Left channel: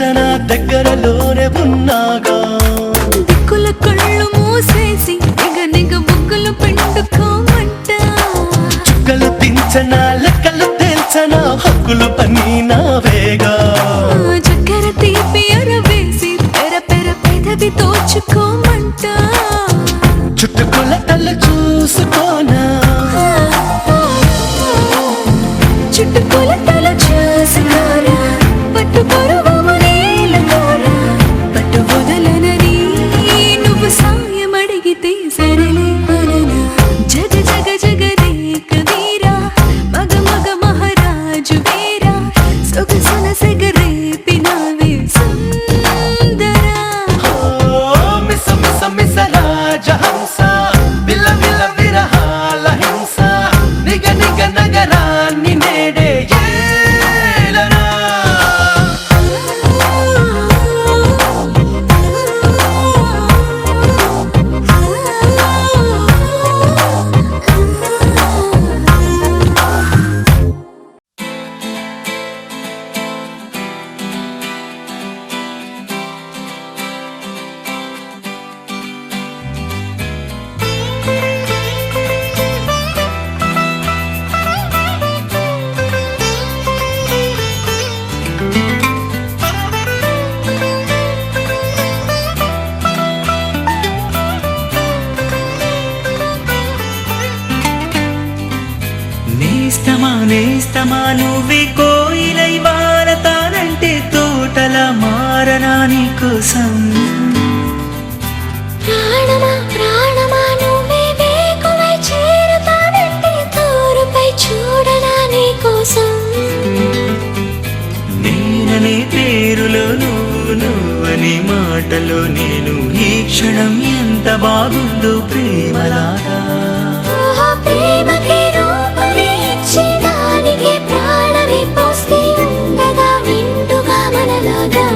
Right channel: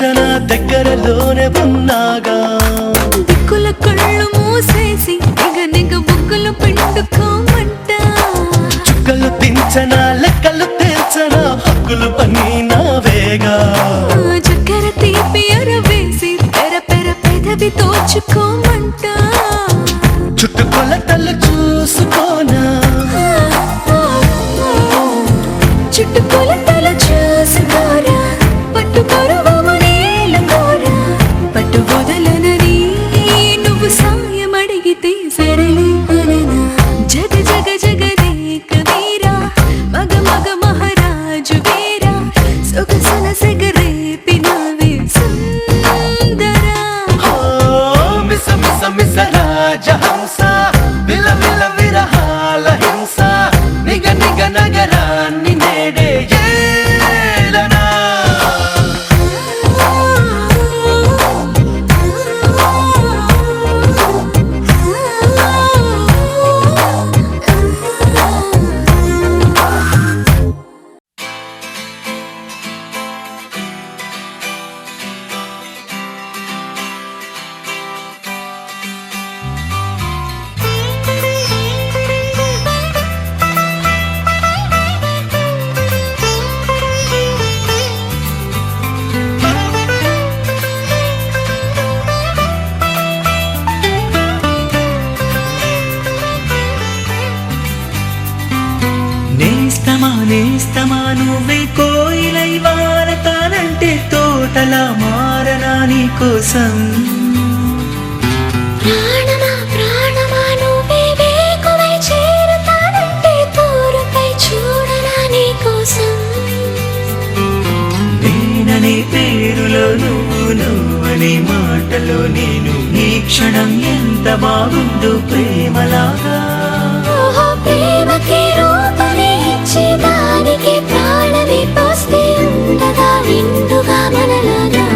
తెల్చన దగ్గరలోనే ఉన్నాగా దిక్కుల కళ్ళు మూసేసి నిగ నిగ బుగ్గలు పిండుకోమంట చుక్కలు దించన లెక్కలు తెల్చన హక్కులు పని నావేగా చక్కెర తీపి అరవేసి పెర పెర పెదవి తోచుకోమంట చుట్టుకొలతలు చూసుకోనా చుట్టుకొలతలు చూసుకోరా పట్టు పరువము నేలకోరా పట్టు వదలనని నువ్వు సాయం అడిగితే సరలే అననా జగ జగ జగదేక వీరా మగ మగ మహారాజు వీరా సొగసున సెగరేపినావే సుందరా మిస మిస మిస రాజహంస విల విల విరహాల హింస నిగ నిగ నగరాన్ని నేడే ఏలనా నేస్తమా నేస్తమా నువ్వే కోయిలై వారతానంటే తోటలా మారనా నీకోసం ప్రాణమా ప్రాణమా నువ్వే వేకువై చేరతానంటే తోరుపై చూడనా నీకోసం నేననే పేరులో నువ్వనే మాటలో నేను ఈ క్షణం ఎంత బాగుందో ప్రేమలాగా ప్రేమకి రూపమే ఇచ్చి దానికి ప్రాణమి పోస్తే ఉండగా నిండుగా మనలాగా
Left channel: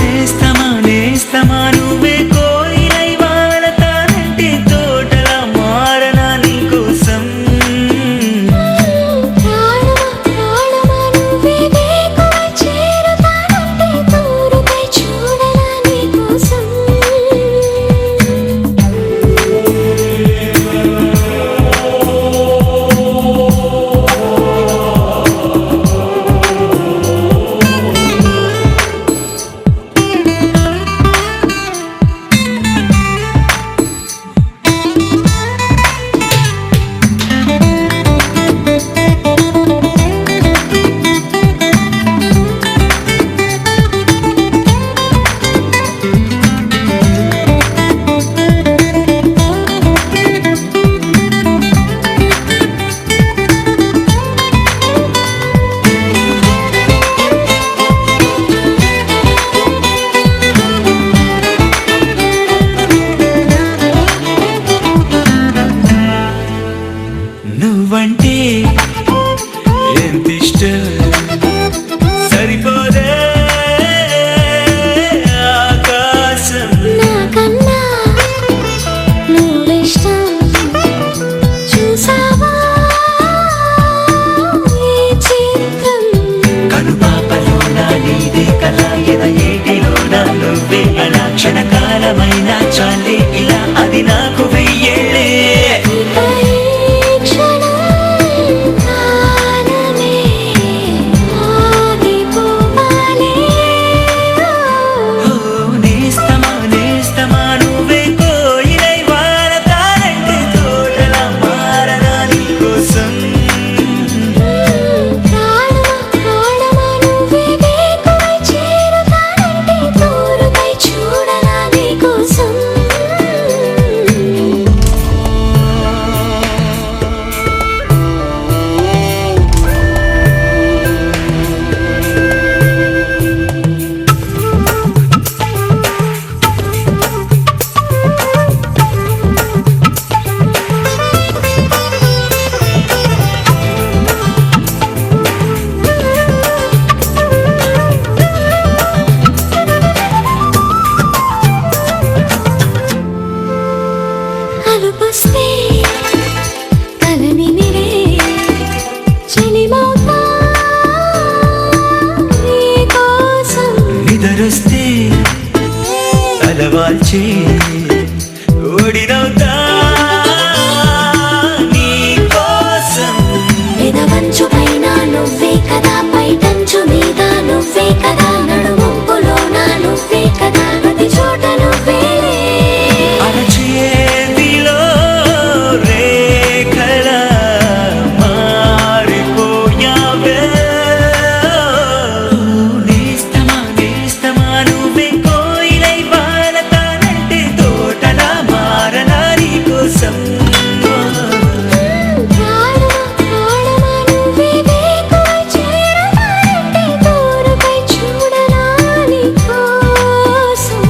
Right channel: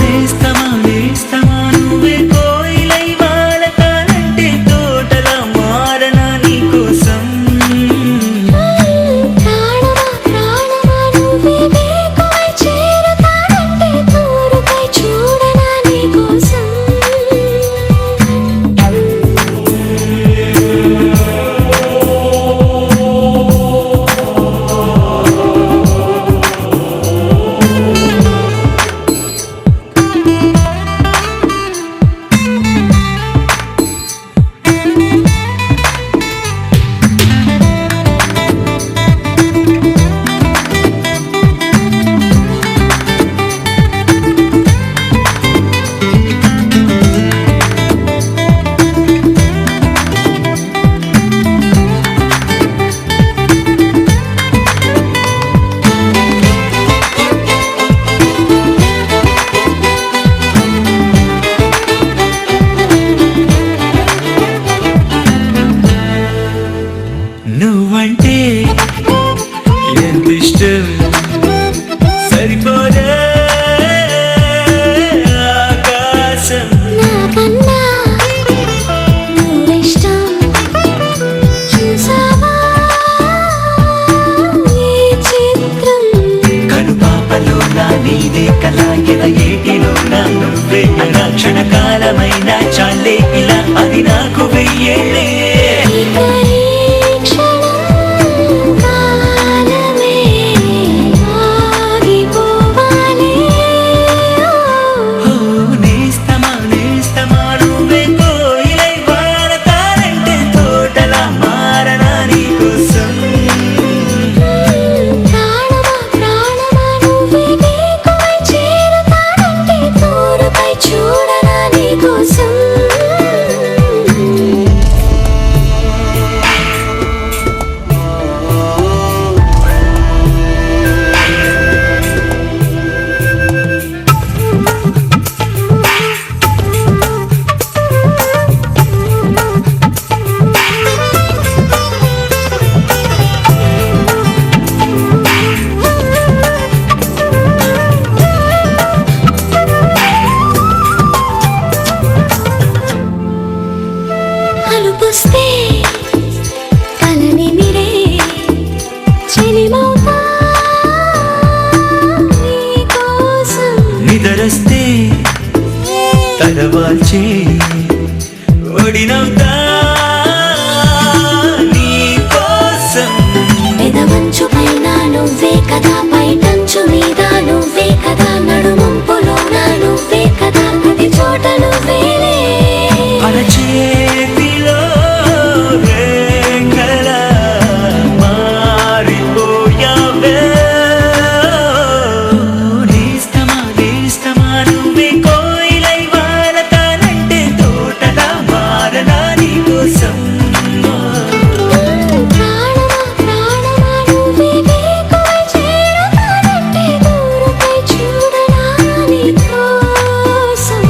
నేస్తమా నేస్తమా నువ్వే కోయిలై వాడతానంటే తోటలా మారనా నీకోసం ప్రాణమా ప్రాణమా నువ్వే వేకువై చేరతానంటే తోరుపై చూడనా నీకోసం నువ్వంటే ఎంత ఇష్టం సరిపోదే ఆకాశం నాకన్నా నువ్విష్టం చూసావా ఈ చిత్రం కనుపాపలో నా నీదే కళ ఏటిలో నా నువ్వే నా క్షణకాలమైన చాలే ఇలా అది నాకు వెయ్యేళ్ళే నేస్తమా నేస్తమా నువ్వే కోయిలై వాడతానంటే తోటలా మారనా నీకోసం ప్రాణమా ప్రాణమా నువ్వే వేకువై చేరతానంటే తోరుపై చూడనా నీకోసం వస్తే తలవాల్చే ఓడినవుతా నీ కోసం. పెదవంచు పైన నువ్వే కదా, పైటంచు మీద నువ్వే కదా, నడుమంపులోన నువ్వే కదా, ప్రతి చోట నువ్వేలే. అరచేతిలో రేఖలా మారిపోయావే. నేస్తమా నేస్తమా నువ్వే కోయిలై వానతానంటే తోటలా మారనా నీ కోసం. ప్రాణమా ప్రాణమా నువ్వే వేకువై చేరుతానంటే దూరమై చూడనా నీ కోసం.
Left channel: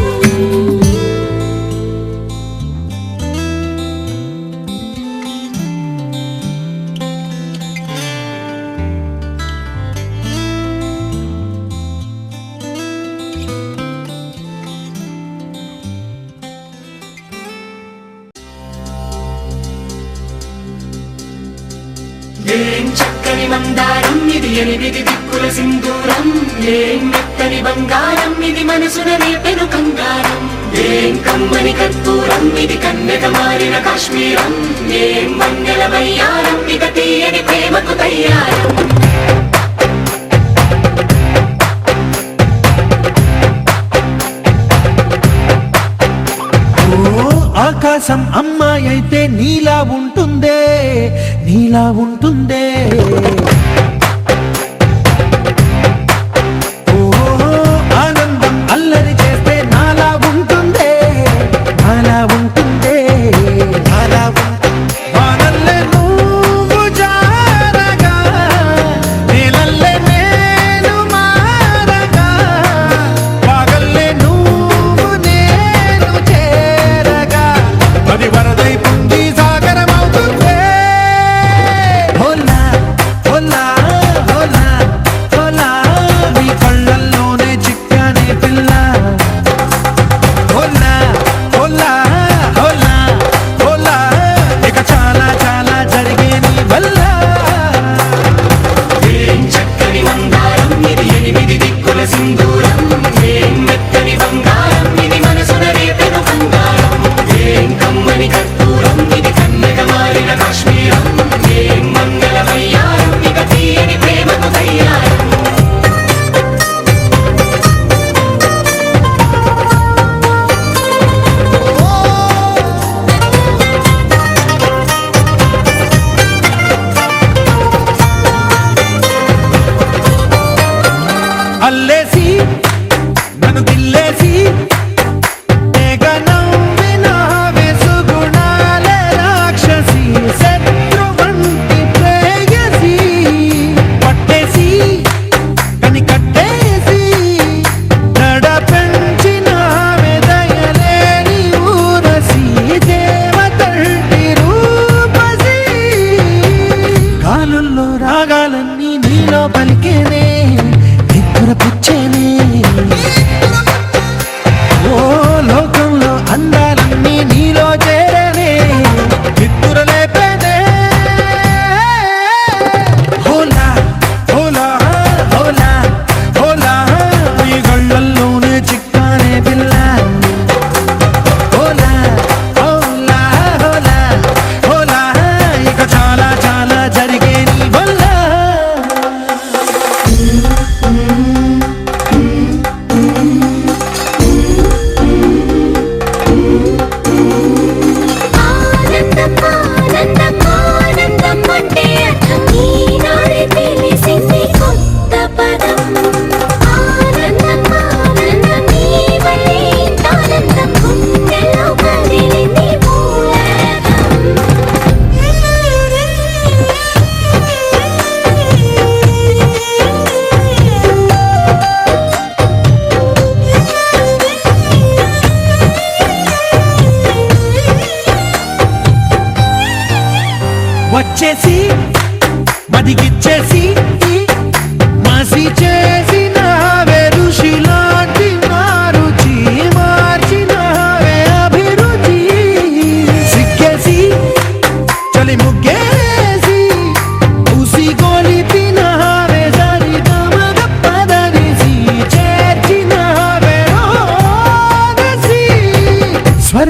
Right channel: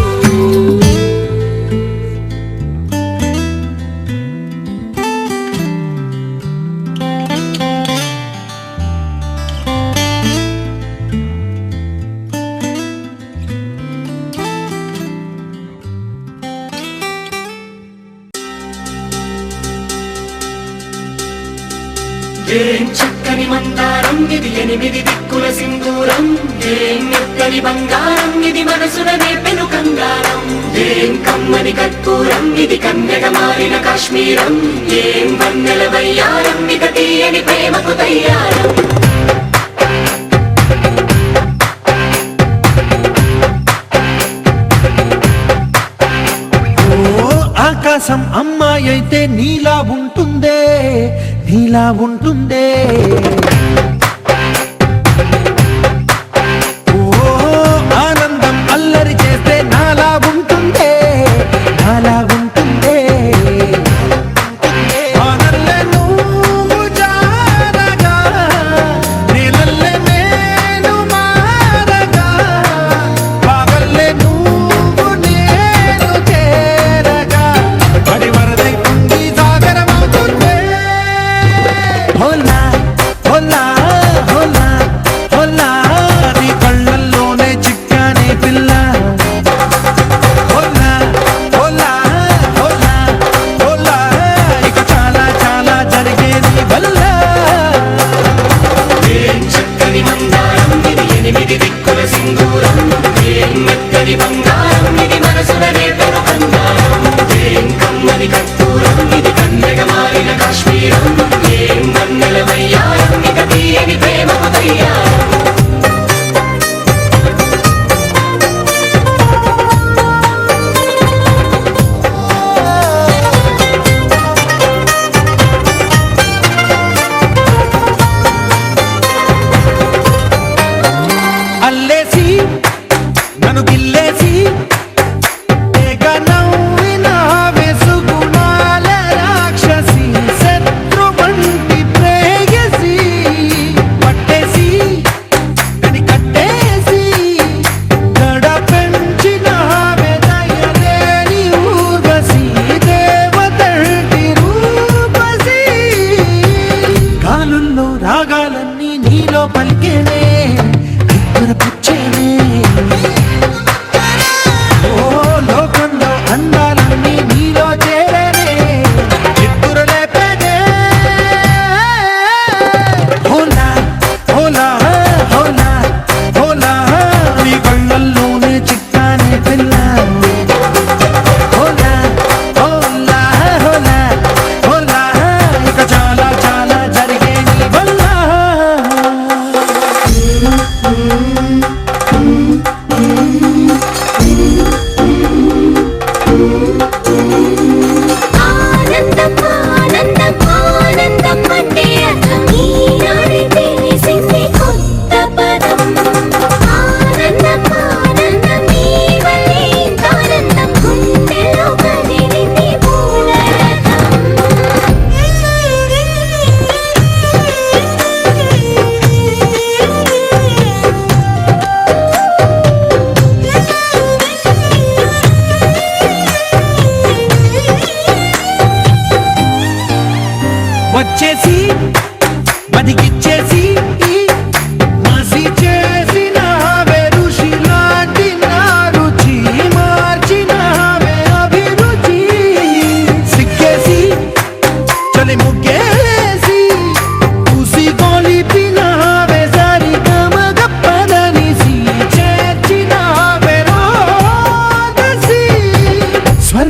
ఏం చక్కని మందారం ఇది, ఎనిమిది దిక్కుల సింధూరం. ఏం మెత్తని బంగారం ఇది, మనసున నేపెను కంగారం. ఏం కమ్మని కర్పూరం ఇది, కన్యక మారిన కాశ్మీరం. ఏం వన్నెల వయ్యారం ఇక తీయని ప్రేమకు తయ్యారం. ఆకాశం అమ్మాయి అయితే నీలా ఉంటుందే, నీలా ఉంటుందే. ఓ ఆనందం అల్లరి చేస్తే నాలా ఉంటుందే, నాలా ఉంటుందే. వానల్లే నువ్వు జారగా, నీలల్లే నేను మారగా, పగల్లే నువ్వు నేను చేరగా, పడి వరదై పొంగి సాగరమవుతుందే. హోలా హోలా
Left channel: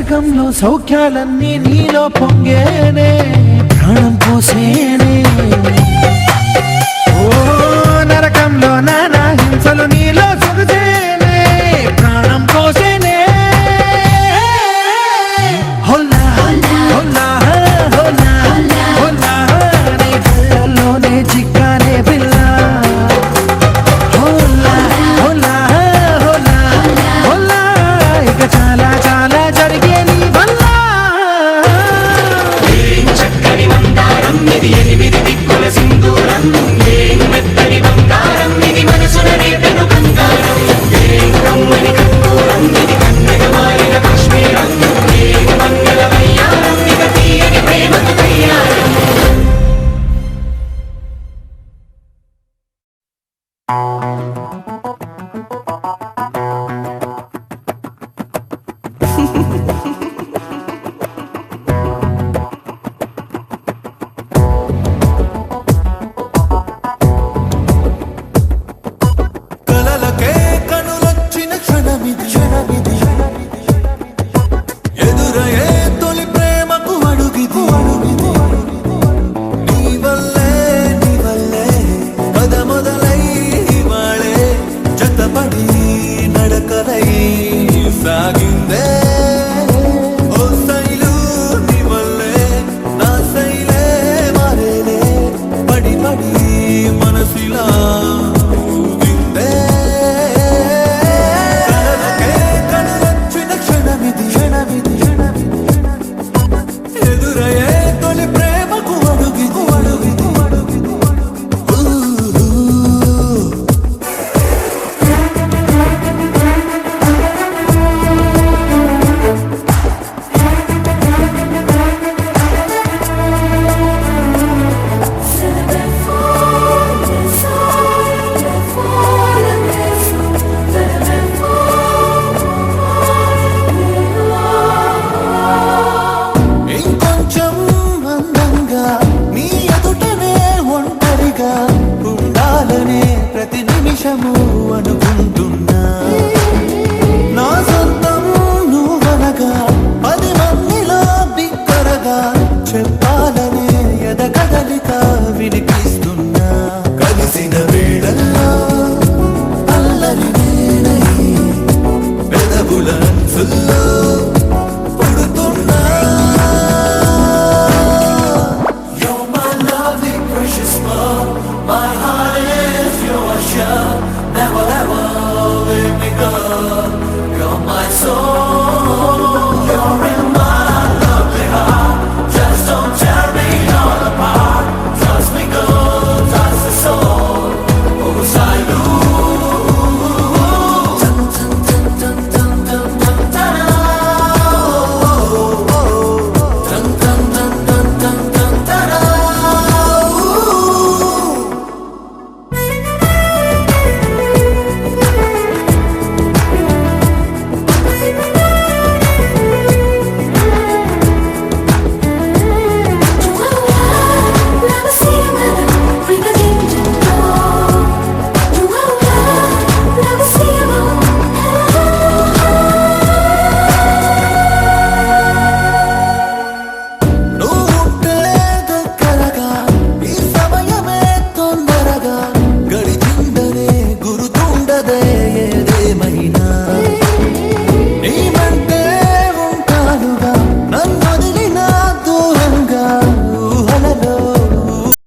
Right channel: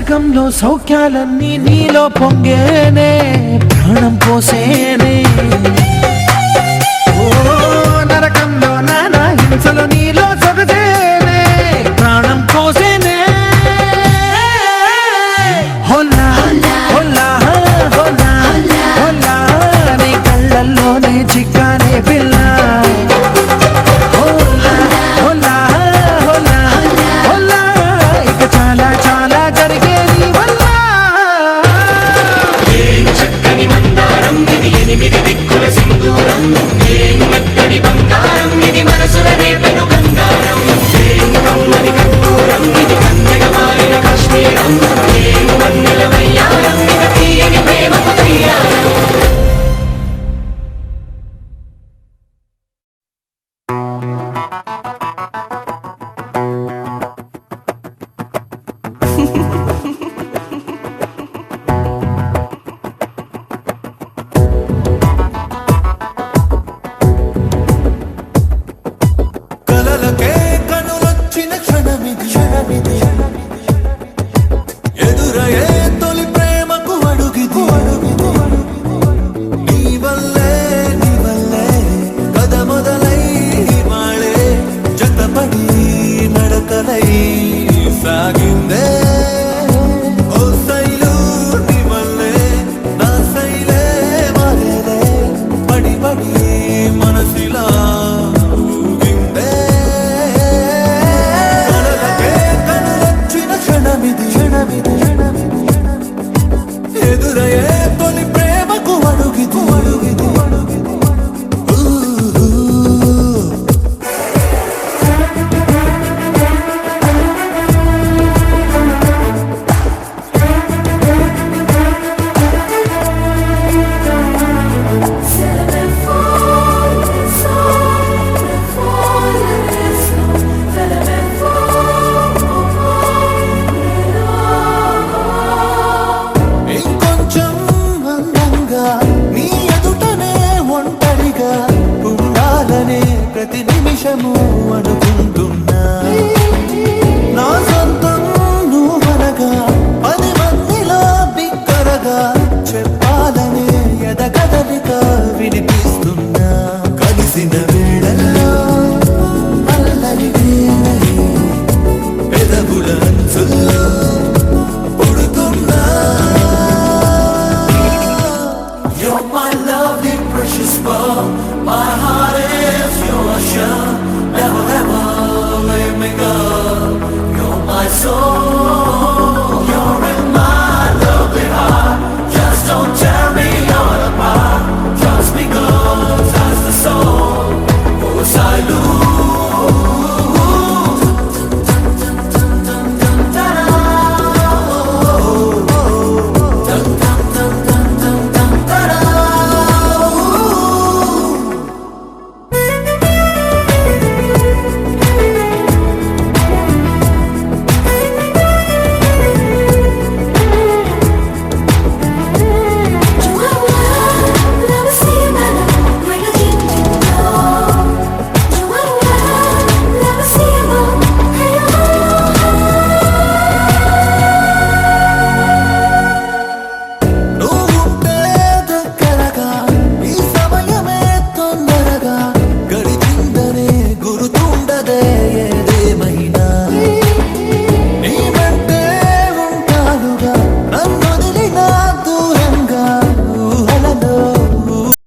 స్వర్గంలో సౌఖ్యాలన్నీ నీలో పొంగేనే ప్రాణం పోసేనే ఓ నరకంలో నానా హింసలు నీలో సొగసేనే ప్రాణం పోసేనే హోలా హోలా హోలా హోలా నీ కళ్ళల్లోనే చిక్కానే పిల్ల హోలా హోలా హోలా హోలా ఇక చాలా చాలా జరిగేది వల్ల చక్కని మందారం ఇది ఎనిమిది దిక్కుల సింధూరం ఏం మెత్తని బంగారం ఇది మనసున రేపెను బంగారం ఏం కమ్మని కర్పూరం ఇది కన్నెగ మారిన కాశ్మీరం ఏం మంగళ వయ్యారం ఇక తీయని ప్రేమకు తయ్యారం కలలకే కనులొచ్చిన క్షణమిది ఎదురయే తొలి ప్రేమకు అడుగిది నీ వల్లే కథ మొదలై వాళే జతపడి నడకలై సాగిందే ఓ శైలు నీ వల్లే నా శైలే మారేలే పడి మనసిలా ఊగిందే క్షణమిది ఎదురయ్యే తొలి ప్రేమకు అడుగిది ఇంకొంచెం అందంగా నీ ఎదుటనే ఒంటరిగా ఉండాలనే ప్రతి నిమిషము అనుకుంటున్నా నా సొంతం నువ్వనగా 10 మందిలో బిక్కరగా చెప్పాలనే ఎదకదలిక వినిపిస్తున్నా కలిసిన వేళల్లో అల్లరి నేనై పెదవుల అంచుల్లో